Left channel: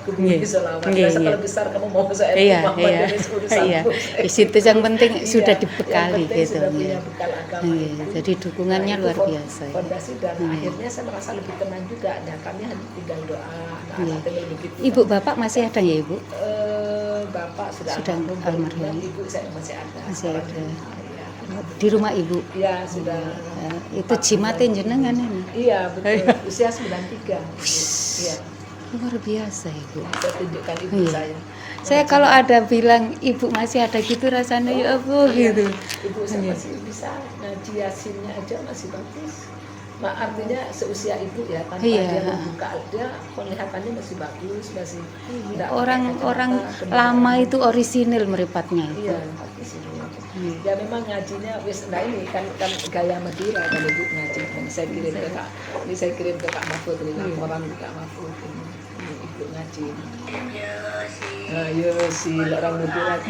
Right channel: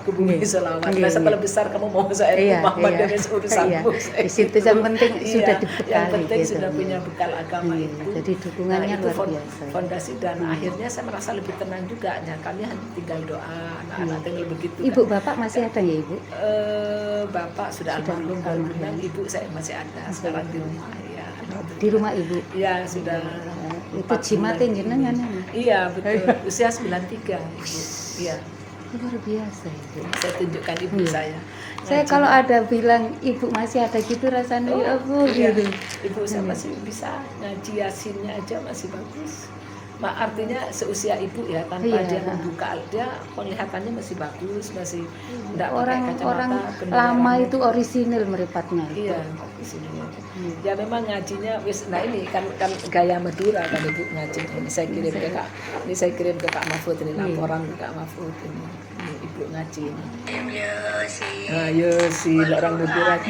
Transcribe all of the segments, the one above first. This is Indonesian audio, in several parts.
aku bingung selama. Kalau besar kamu mau saya Iya. Di situ yang penting sudah dibekali gitu. Sudah punya bekal agama itu. Jadi dukungannya luar itu biasa. Fondasi dan akhirnya saya merasa lebih tenang juga. Ya, kami hanya tinggal doa. Begitu. Ibu bapak masih ada ya ibu? Bapak sudah almarhum. Ibu saya masih ada. Masih ada. Di rumah ibu? Iya sudah. Itu jimatin jenengan ini? Iya betul. Usia 93. Iya. Luar biasa ibu. Saya tunjukkan ibu saya. Saya kalau ada bilang ibu masih ada gitu rasanya ya ampun gitu. Ibu saya masih bisa ngaji Yasinnya aja masih bagus. Artinya seusia ibu ya tanpa dia membuka, dia penglihatannya masih bagus, masih orang lama itu orisinil meripatnya. Iya, ya memang ngajinya nah ini kan gaya Madura kan ibu ngaji. Ini saya kirim ke Kak Mahfud ini laporan Kak Mahfud ini ibu ngaji. Ayo sih orang Madura.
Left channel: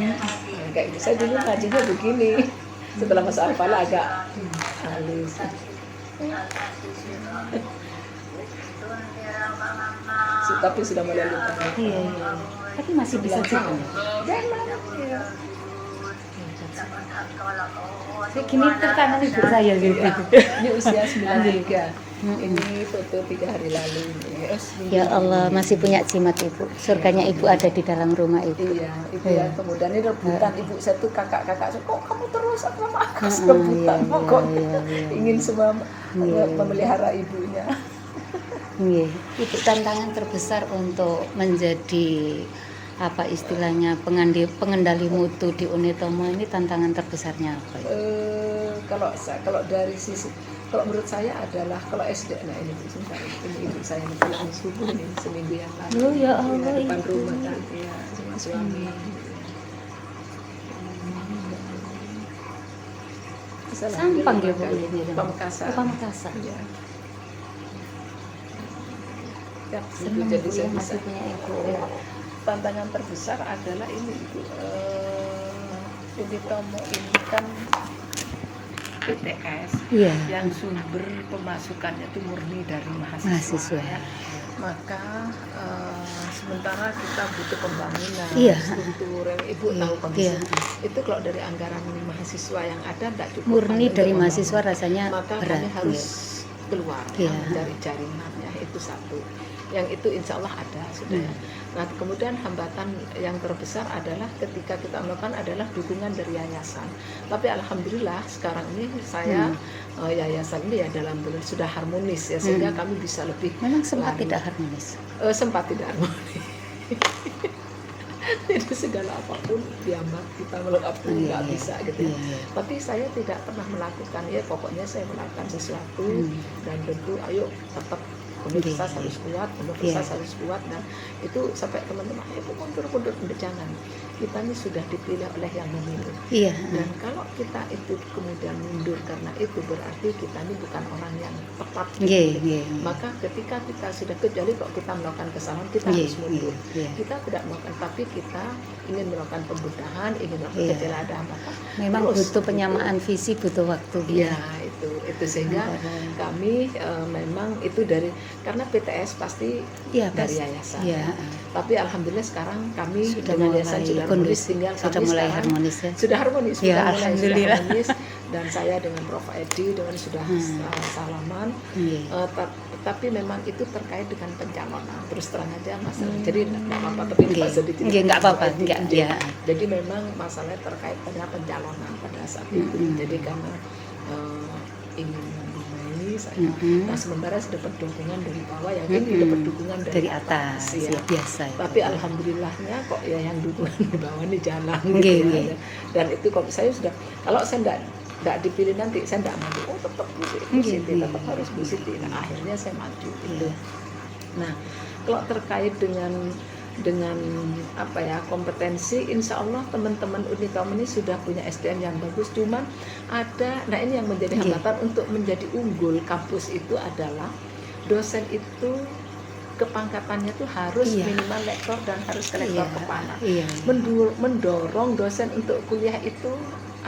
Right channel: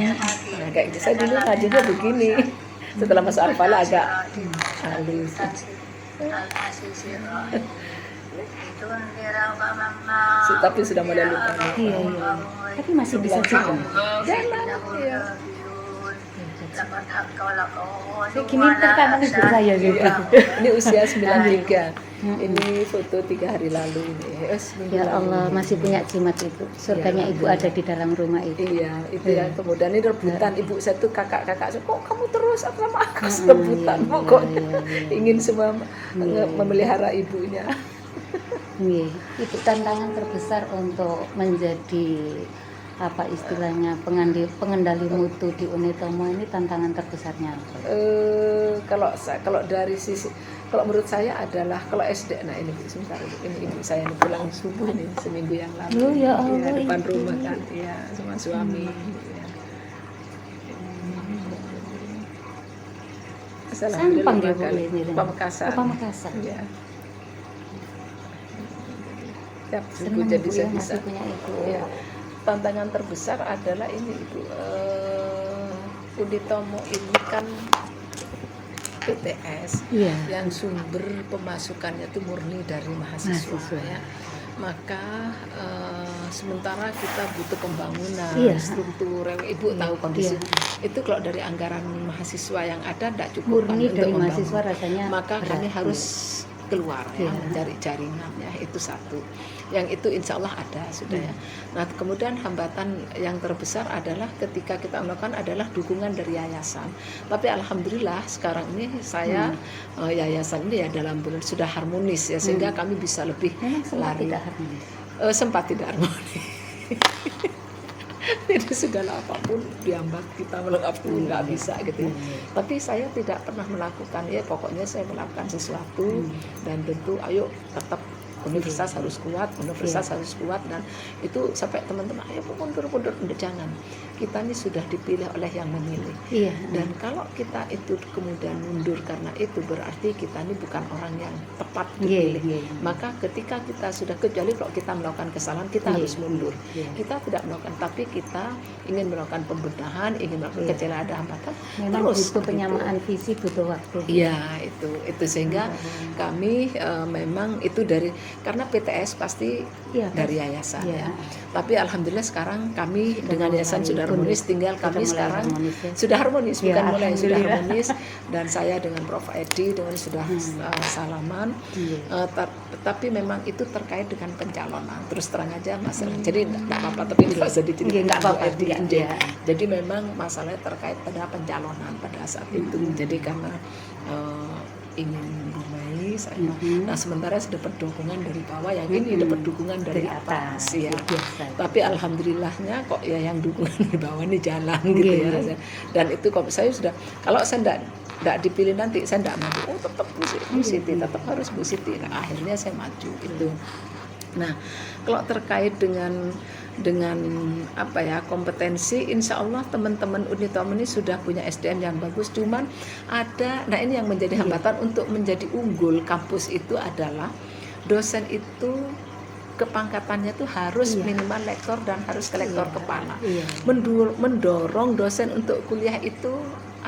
Kayak saya dulu ngajinya begini. Setelah masuk Al-Falah agak halus. Tapi sudah mulai lupa. Iya. Tapi masih bisa juga. Iya. Kini tangan ibu saya gitu. Ini usia 93. Ini foto 3 hari lalu ini. Ya Allah, masih punya jimat ibu. Surganya ibu ada di dalam rumah ibu. Iya, itu ya. Kemudian ini rebutan ibu saya tuh kakak-kakak. Kok kamu terus sama aku rebutan? Kok ingin semua memelihara ibunya. Iya, itu tantangan terbesar untuk menjadi apa istilahnya pengendali mutu di Unitomo ini tantangan terbesarnya apa? Kalau dari sisi kalau menurut saya adalah kalau SD, nah ini sumpah ini ibu saya pulang subuh nih seminggu yang lalu. Oh ya Allah. Depan rumah kan, ya sama suami. Sampang ya bu ini. Pamekasan. Pamekasan. Ya. Ya, senang jadi ibu ya masih punya ibu ya. Tantangan terbesar adalah ini ibu Unitomo ini kan PTS yang sumber pemasukannya itu murni dari mahasiswa. Ya. Maka sementara kita butuh pembangunan struktur yang ibu tahu kondisi itu kalau dari anggaran mahasiswa yang ada tidak cukup murni dari mahasiswa rasanya maka kami harus keluar mencari jaringan ya itu satu. Yang itu insya Allah ada sudah. Nah kemudian hambatan yang terbesar adalah ketika kita melakukan adalah dukungan dari yayasan. Tapi alhamdulillah sekarang ini saya yayasan ini ya dalam benar sudah harmonis ya sehingga kami bisa lebih. Memang sempat tidak harmonis. Sempat tidak harmonis. Tidak segala apapun diambak kita melakukan nggak bisa gitu. Tapi saya tidak pernah melakukan ya pokoknya saya melakukan sesuatu dan tentu ayo tetap universitas harus kuat, harus kuat dan itu sampai teman-teman ayo mundur jangan. Kita ini sudah dipilih oleh yang memilih. Dan kalau kita itu kemudian mundur karena itu berarti kita ini bukan orang yang tepat dipilih. Maka ketika kita sudah kecuali kalau kita melakukan kesalahan kita harus mundur. Kita tidak melakukan tapi kita ingin melakukan pembenahan, ingin melakukan kecelakaan maka memang butuh penyamaan visi, butuh waktu. Iya, itu sehingga kami memang itu dari karena PTS pasti dari yayasan. Tapi alhamdulillah sekarang kami dengan yayasan sudah harmonis, tinggal kami sekarang sudah harmonis, sudah harmonis dan saya dengan Prof Edi dengan sudah salaman. Tapi memang itu terkait dengan pencalonan. Terus terang aja masalah. Jadi tidak apa-apa tapi tidak usah diceritakan. Enggak apa-apa. Jadi memang masalahnya terkait pada pencalonan pada saat itu. Jadi karena ingin memulai saya. Nah sementara sudah dapat dukungan dari bawah ya ini dapat dukungan dari atas ya. Biasa. Tapi alhamdulillahnya kok ya yang dukungan di bawah ini jalan gitu ya. Dan itu kok saya sudah kalau saya tidak dipilih nanti saya tidak maju. Tetap Bu Siti tetap harus Bu Siti. Nah, akhirnya saya maju itu. Nah kalau terkait dengan apa ya kompetensi, insya Allah teman-teman Unitomo ini sudah punya SDM yang bagus. Cuman ada, nah ini yang menjadi hambatan untuk menjadi unggul kampus itu adalah dosen itu kepangkatannya tuh harus minimal lektor dan harus ke lektor kepala. Mendorong dosen untuk kuliah itu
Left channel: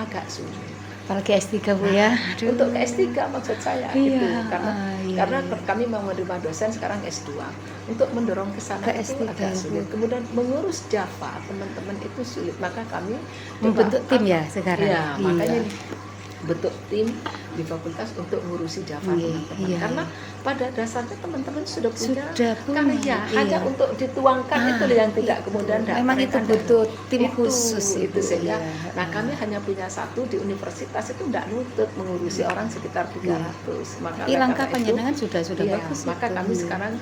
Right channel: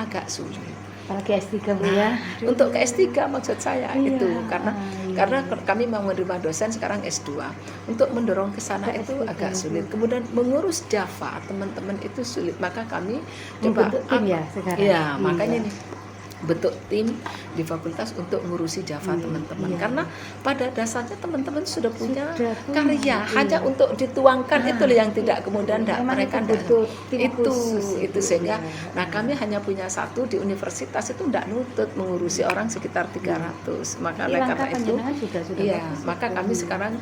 agak sulit. Apalagi S3 Bu ya. Aduh. Untuk ke S3 maksud saya Iya, itu karena iya. karena kami mau menerima dosen sekarang S2. Untuk mendorong ke sana Ke itu S3, agak sulit. Bu. Kemudian mengurus Java teman-teman itu sulit, maka kami Membentuk tim ya sekarang. Iya, makanya nih bentuk tim di fakultas untuk ngurusi Java Iya, teman-teman. iya. Karena pada dasarnya teman-teman sudah punya Sudah punya, karya, iya. hanya untuk dituangkan itu yang tidak kemudian Memang itu mereka butuh tim itu, khusus itu Ibu, sehingga iya. nah kami hanya punya satu di universitas itu tidak nutut mengurusi orang sekitar 300. Maka Iya, oleh langkah karena itu panjenengan sudah iya, bagus maka itu. kami sekarang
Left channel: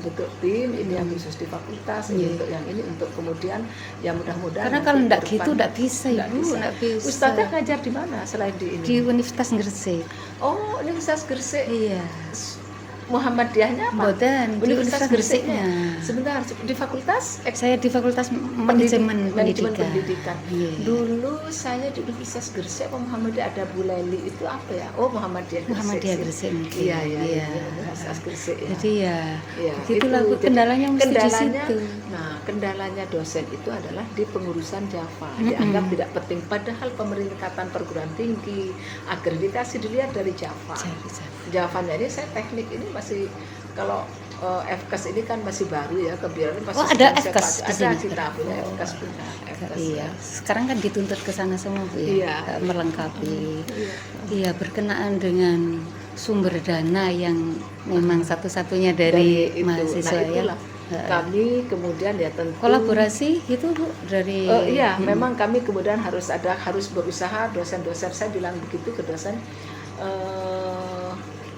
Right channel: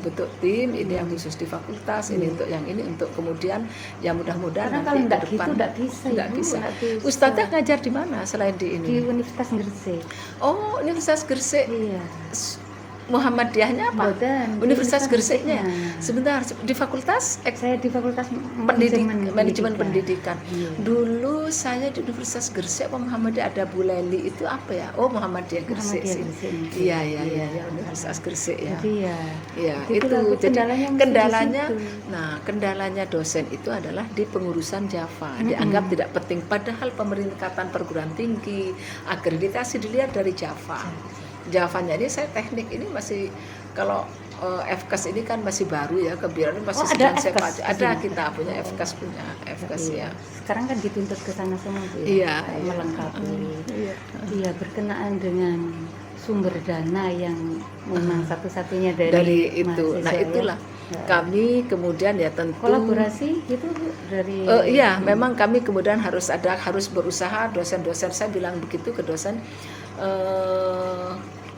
bentuk tim ini yang khusus di fakultas, ini Iya. untuk yang ini untuk kemudian ya mudah-mudahan Karena nanti kalau ke enggak depan gitu enggak bisa nggak Ibu, bisa. enggak bisa. Ustadznya ngajar di mana selain di ini? Di Universitas Gresik. Oh, Universitas Gresik. Iya. Muhammadiyahnya apa? Mboten, di Universitas Gresiknya. Gresiknya. Sebentar, di fakultas Saya di Fakultas Manajemen Manajemen Pendidikan. Iya. Dulu saya di Universitas Gresik apa Muhammadiyah ada Bu Leli itu apa ya? Oh, Muhammadiyah Gresik. Muhammadiyah sih. Gresik, mungkin. Iya, iya, Iya. iya, Universitas Gresik ya. Jadi ya, Iya, itulah Bu, Jadi, kendalanya mesti kendalanya, di situ. nah kendalanya dosen itu adalah di pengurusan Java. Dianggap tidak penting, padahal pemeringkatan perguruan tinggi, akreditasi dilihat dari Java. Javanya ini saya teknik ini masih kalau FKAS ini kan masih baru ya, kebiaran ini masih Oh, ada sedang saya FKAS pelajari. di Ada sini? kita punya FKAS Iya. ya. Sekarang kan dituntut ke sana semua Bu, ya, Iya. melengkapi. Iya. Iya, berkenaan dengan sumber dana yang memang satu-satunya dari itu. mahasiswa Nah itulah ya. kami kemudian ya tentu Kolaborasi gitu Bu dari iya, memang kami kemudian harus berusaha, dosen-dosen saya bilang begitu ke dosen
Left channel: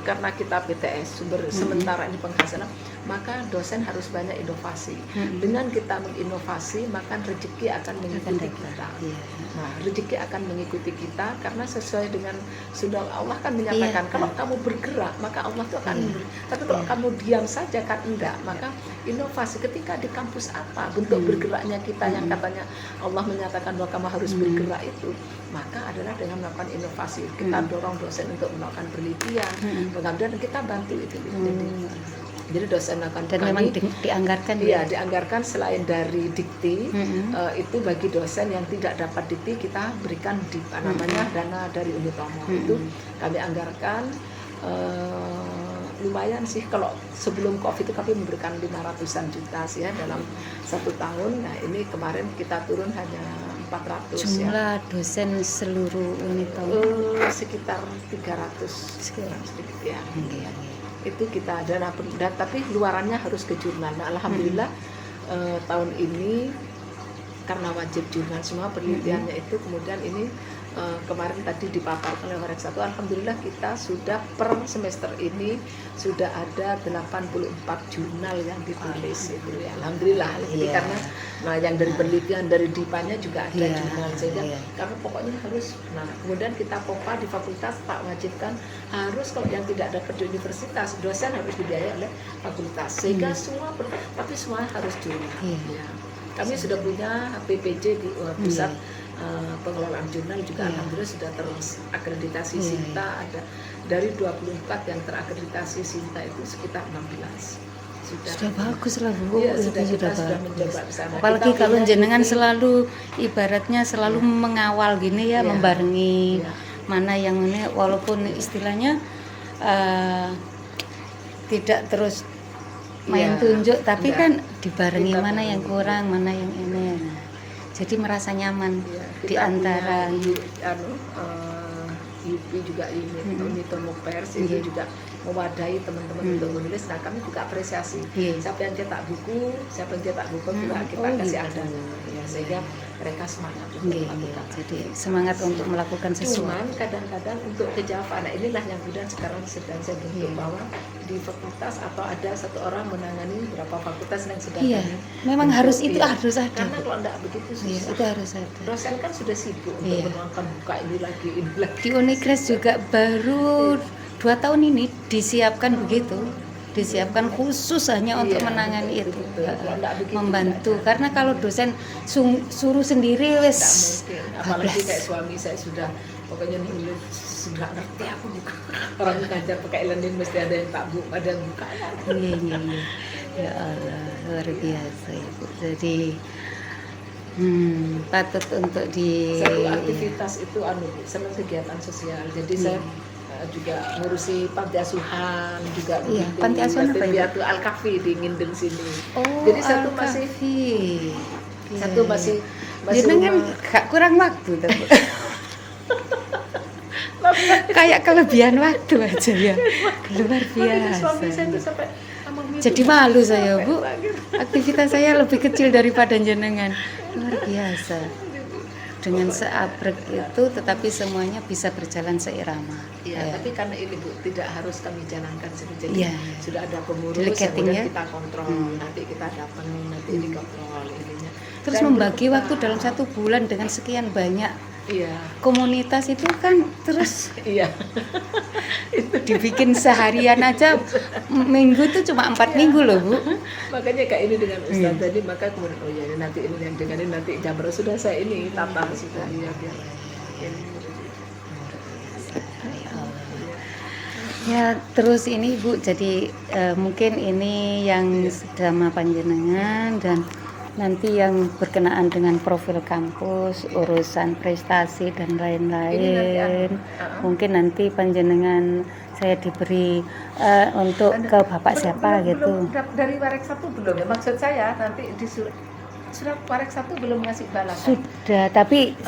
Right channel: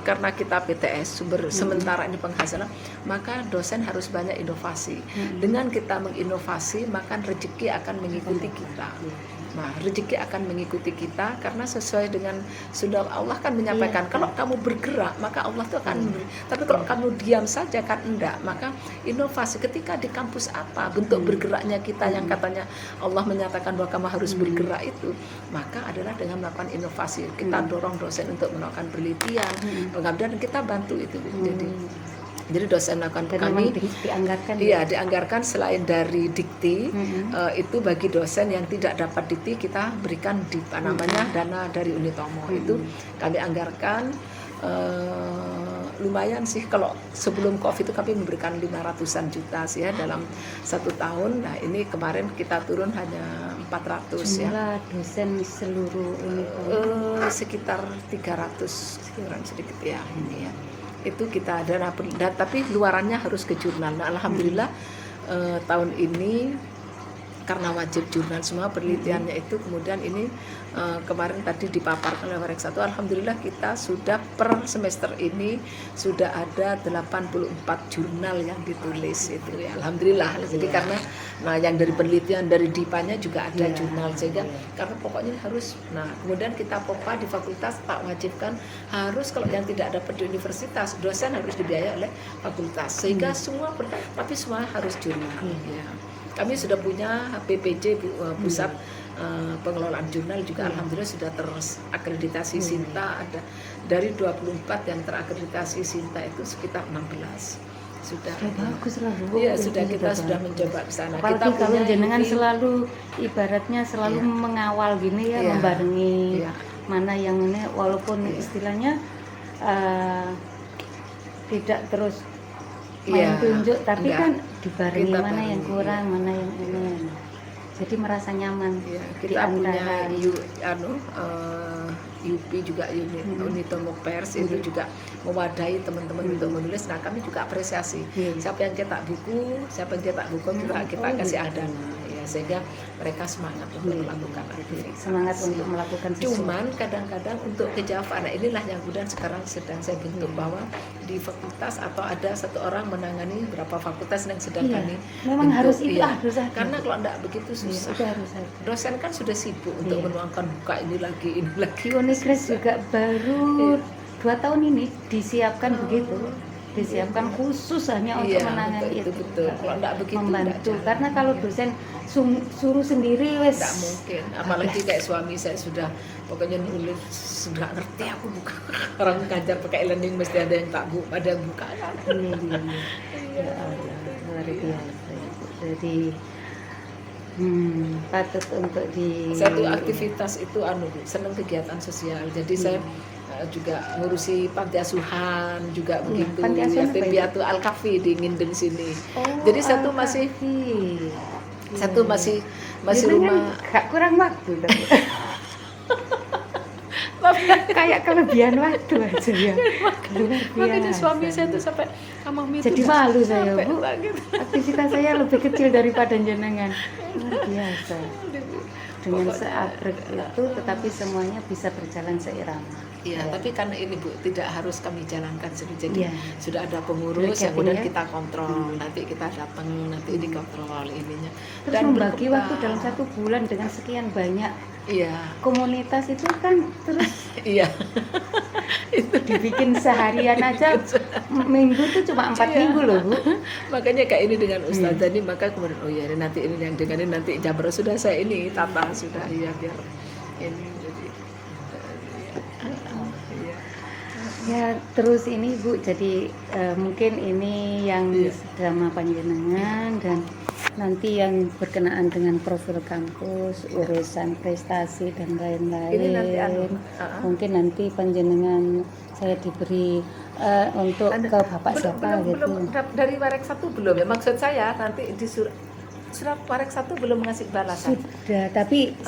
karena kita PTS sumber sementara ini penghasilan, maka dosen harus banyak inovasi. Dengan kita menginovasi, maka rezeki akan mengikuti kita. Nah, rezeki akan mengikuti kita karena sesuai dengan sunnah Allah kan menyampaikan kalau kamu bergerak maka Allah itu akan memberi. Tapi kalau kamu diam saja kan enggak, maka inovasi ketika di kampus apa bentuk bergeraknya kita yang katanya Allah menyatakan bahwa kamu harus bergerak itu, maka adalah dengan melakukan inovasi. Kita dorong dosen untuk melakukan penelitian, pengambilan, dan kita bantu itu. Jadi dosen melakukan dan memang dianggarkan iya dianggarkan selain dari dikti itu bagi dosen yang tidak dapat dikti kita berikan di dana dari Unitomo itu kami anggarkan lumayan sih. Kalau sebelum COVID itu kami memberikan 500-an juta sih ya dalam 1 tahun. Nah ini kemarin kita turun hanya 400 jumlah ya. dosen seluruh Unitomo Sekitar 300 sekitar sedikit ya. Itu kita dana tapi luarannya harus ke jurnal. Nah, alhamdulillah tahun ini karena wajib jurnal semua penelitiannya itu, kemudian ini kemarin tadi dipaparkan oleh Reksato, alhamdulillah kita sudah per semester ini sudah ada 84 jurnal yang ditulis itu ya, alhamdulillah. Jadi karena yang dari penelitian dari DIPA-nya juga ada jurnal, sehingga karena pokoknya harus. Nah kemudian kita POPA di fakultas Pak wajibkan harus, kalau yang tidak dapat di universitas dosen harus dibiayai oleh fakultas, sehingga tapi semua harus jurnal ya. Kami sudah punya PPJ pusat pengelolaan jurnal juga alhamdulillah sudah terakreditasi SINTA, ada dari 24 yang terakreditasi SINTA itu sekitar 16 sudah bagus lah Bu. Iya, kita sudah mencoba ke sana. Apalagi kalau jenengan selalu ibaratnya selalu mengawal gini ya, membarengi mana yang ini, walaupun istilahnya tidak terus main tunjuk, tapi kan dibarengi mana yang kurang, mana yang ini. Jadi merasa nyaman di antara UP juga Unitomo Pers itu juga mewadahi teman-teman untuk menulis. Nah kami juga apresiasi siapa yang cetak buku, siapa yang cetak buku kita kasih ada ya, sehingga mereka semangat untuk melakukan. Jadi semangat untuk melakukan sesuatu. Cuman kadang-kadang untuk ke Java, nah inilah yang kemudian sekarang sedang saya bentuk bahwa di fakultas atau ada satu orang menangani beberapa fakultas yang sedang kami memang bentuk, harus itu harus ada. Karena kalau enggak begitu susah. Itu harus ada. Dosen kan sudah sibuk untuk menuangkan buka ini lagi. Di Unikres juga baru 2 tahun ini disiapkan begitu, disiapkan khusus hanya untuk menangani itu, membantu. Karena kalau dosen suruh sendiri wes mungkin, apalagi kayak suami saya sudah pokoknya nulis sudah ngerti aku buka. Orang ngajar pakai e-learning mesti ada yang tak buka, ada yang buka. Iya. Ya Allah, luar biasa Ibu. Jadi Patut untuk di Satu aktivitas itu senang kegiatan sosial. Jadi saya juga ngurusi panti asuhan juga Iya, begitu. panti asuhan apa Yatim itu? piatu Al-Kafi di Nginden sini. Oh, Jadi satu masih Al-Kafi. masih Jenengan rumah. gak kurang waktu tapi kayak kelebihan waktu aja ya. Luar Makanya suami saya tuh biasa. sampai mami Jadi tuh malu saya, capek Bu. banget." Aktivitas saya lebih kecil daripada jenengan. Luar biasa. Dengan seabrek itu tetapi semuanya bisa berjalan seirama. Iya, Ya. tapi karena ini Bu, tidak harus kami jalankan sendiri. Jadi Iya. sudah ada pengurus, Delegating kemudian ya. kita kontrol. Nanti kita datang, nanti dikontrol ininya. Terus Dan membagi waktu dalam 1 bulan dengan sekian banyak Iya, komunitas itu kan terus iya. dibikin seharian aja minggu tuh cuma 4 minggu loh Bu. Makanya kayak ini dengan Ustazah ini, maka kemudian oh ya nanti ini yang dengan ini nanti Jabra sudah saya ini tata sudah ya biar ini. Ya terus ini Bu, jadi mungkin ini yang sama panjenengan dan nanti yang berkenaan dengan profil kampus, urusan prestasi dan Ini nanti lain-lain. Mungkin nanti panjenengan saya diberi untuk ke Bapak siapa gitu. Dari Warek 1 belum ya, maksud saya nanti di surat Warek 1 belum ngasih balasan. Sudah, tapi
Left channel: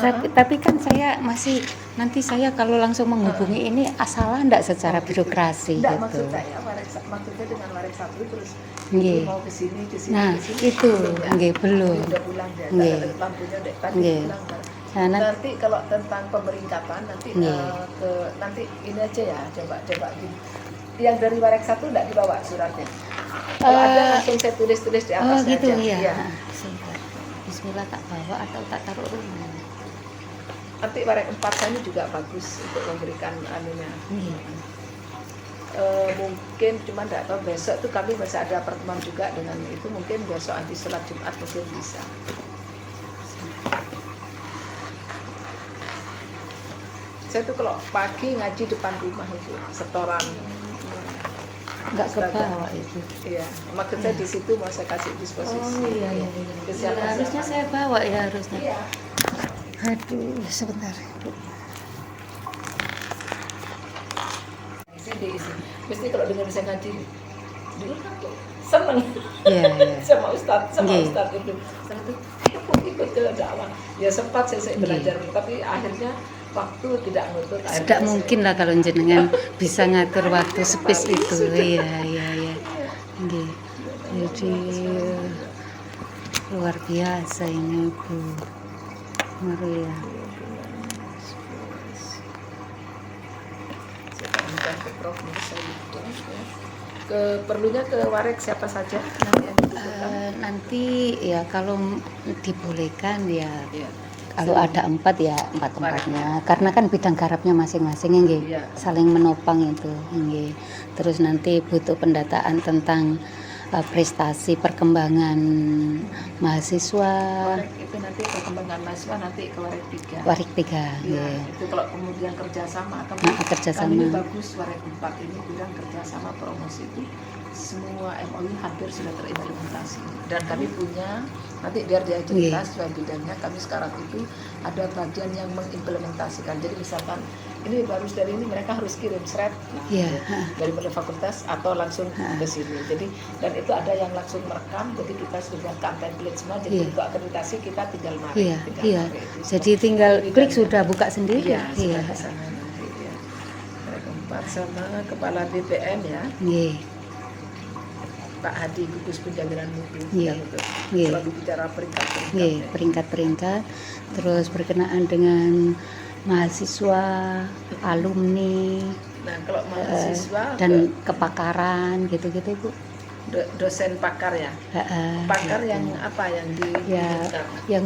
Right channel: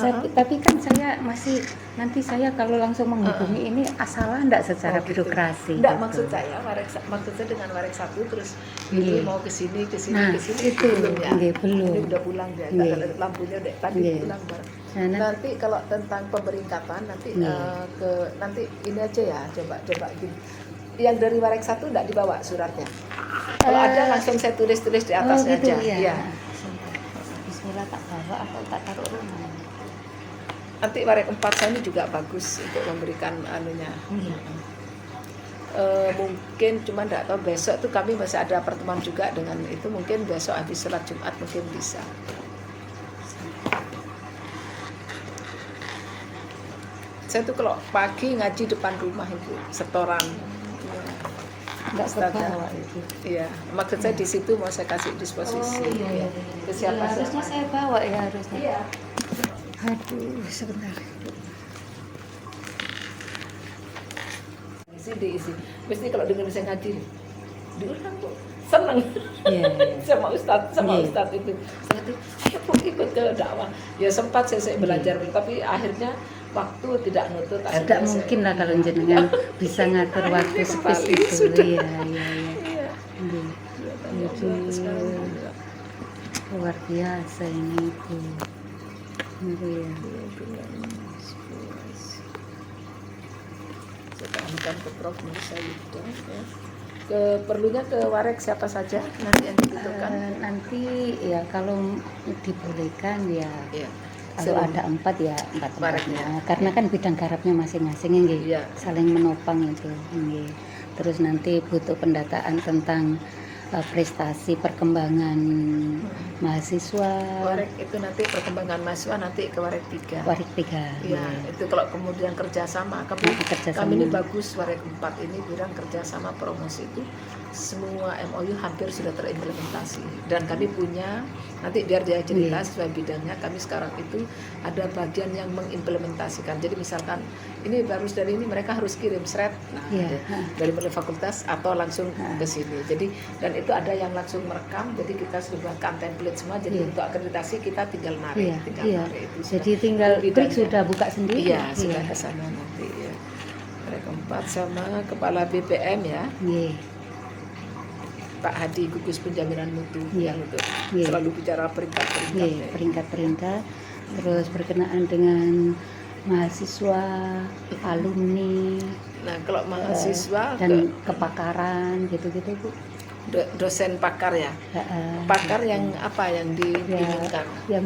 kan saya masih nanti saya kalau langsung menghubungi ini salah enggak secara birokrasi Enggak, gitu. maksud saya maksud saya dengan Warek 1 terus Nggih. mau ke sini Nah, itu ya. nggih belum. Ini udah pulang ya, Nggih. lampunya udah tadi Nggih. pulang. Nah, Nanti kalau tentang pemeringkatan nanti nanti ini aja ya, coba gini. Yang dari Warek 1 enggak dibawa suratnya. Kalau ada langsung saya tulis di oh atasnya gitu aja. ya. Iya. Bismillah tak bawa atau tak taruh rumah. Nanti Warek 4 saya ini juga bagus untuk memberikan anunya. Mungkin cuma enggak tahu besok tuh kami masih ada pertemuan juga dengan itu, mungkin besok habis sholat Jumat mungkin bisa. Saya tuh kalau pagi ngaji depan rumah itu setoran. Enggak terbawa itu. Iya, maksud saya di situ mau saya kasih disposisi. Ke siapa Ya, harusnya siapa. saya bawa ya harusnya. Iya. Aduh, sebentar. Diisi. Mesti kalau dengar saya ngaji, dia kan tuh seneng. Iya, iya. sama Ustadz Nggih. itu. Saya tuh ikut ke dakwah. Ya sempat saya belajar, tapi akhirnya waktu tidak nutut. Tidak mungkin lah kalau jenengan bisa ngatur waktu spes itu. Iya, iya, iya. Nggih. Jadi luar biasa ini Bu Maria. Saya tanyakan ke Prof. Musa itu. Perlunya ke Warek siapa saja nanti yang dibutuhkan. Nanti ya kalau dibolehkan ya Iya. kalau ada 4 ya 4 tempatnya karena kan bidang garapnya masing-masing nggih. Iya. Saling menopang itu nggih. Terus nanti butuh pendataan tentang prestasi perkembangan mahasiswa Warek itu nanti perkembangan mahasiswa nanti ke Warek 3. Warik 3 Iya, nggih. itu kalau kemudian kerjasama kami, Kerjasama. kami ini bagus Warek 4 ini bilang kerjasama promosi itu semua MOU hampir sudah terimplementasi dan kami punya nanti biar dia cerita sesuai bidangnya. Kami sekarang itu ada bagian yang mengimplementasikan. Jadi misalkan ini bagus dari ini mereka harus kirim shred Iya. dari fakultas atau langsung ke sini. Jadi dan itu ada yang langsung merekam. Jadi kita sudah buatkan template semua. Jadi Iya. untuk akreditasi kita tinggal narik. Iya, tinggal iya. narik itu. Jadi tinggal Bidangnya. break sudah buka sendiri. Iya, sudah ke sana nanti ya. Mereka 4 sama kepala BPM ya, Nggih. Pak Hadi gugus penjaminan mutu Iya. yang untuk Iya. selalu bicara peringkat-peringkat. Nggih, ya. peringkat-peringkat. Terus berkenaan dengan mahasiswa, alumni, Nah, kalau mahasiswa dan kepakaran gitu-gitu Bu. dosen pakar ya. Heeh. Pakar yang apa yang Ya, diinginkan? yang